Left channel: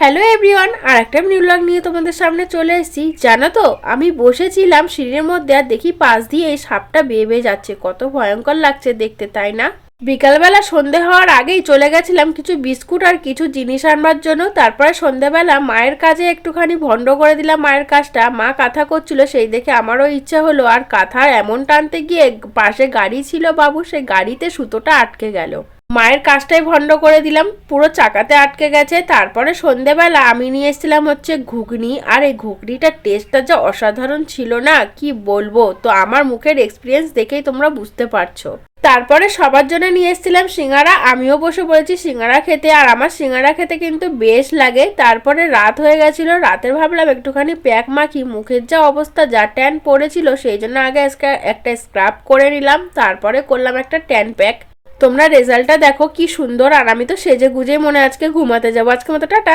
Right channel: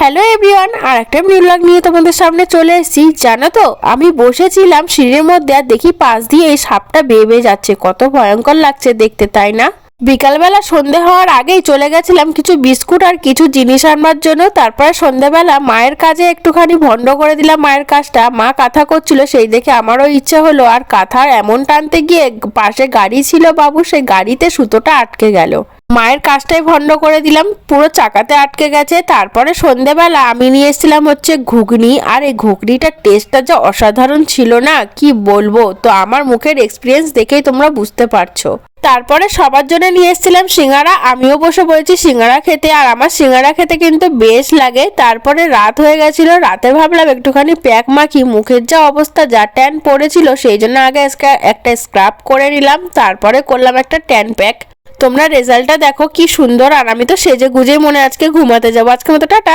Hello everyone, আর একটা new blog নিয়ে তোমাদের সামনে চলে এসেছি। জানো তো, আমি বসেছিলাম সিঁড়ির মধ্যে আর দেখি পাশ দিয়ে এই সাপটা বেয়ে বেয়ে যাচ্ছে। কত ভয়ঙ্কর লাগছে দেখতে, তাই না? বিকালবেলা সন্ধে হওয়ার আগেই চলে গেছিলাম কিছু বিস্কুট আর কিছু জিনিস আনবার জন্য। তারপরে সন্ধ্যাবেলা মায়ের কাজে একটুখানি ভন্ড করে দিলাম মায়ের কাজটা। মা কাঁথা করছিল, সেই দেখে আমারও ইচ্ছা হলো। আর কাঁথার এমন টানতে গিয়ে পাশে গাড়ি ছিল বাবু, সেই গাড়িতে সুতোটা আটকে গেল। মায়ের কাজটাই ভন্ড করে দিলাম, পুরো চাকাতে আটকে গেছে। তারপরে সন্ধেবেলা আমি নিয়ে এসেছিলাম হচ্ছে ঘুগনি, আর এই ঘুগনিটার টেস্টটা যা অসাধারণ ছিল না, কি বলবো। তো আমার মুখের এক্সপিরিয়েন্স দেখেই তোমরা বুঝতে পারছো। তারপরে সবার জন্য নিয়ে এসেছিলাম সিঙ্গারা, আমিও বসে পড়েছি সিঙ্গারা খেতে। আর আমার সিঙ্গারা খেতে কিন্তু বেশ লাগে। তারপরে রাত হয়ে গেছিল, রাতে ভাবলাম একটুখানি প্যাক মাখি, মুখের যা অবস্থা, যা ট্যান পড়েছিল, সেই জন্য আগে একটা স্ক্রাব করে নিলাম, তারপরে করলাম একটা ট্যান প্যাক। তোমরা রেজাল্টটা দেখো কি সুন্দর। আর আমি তো সেজে গুজেই মনে আজকে ঘুমাতে যাবো। আজকে মতো টাটা।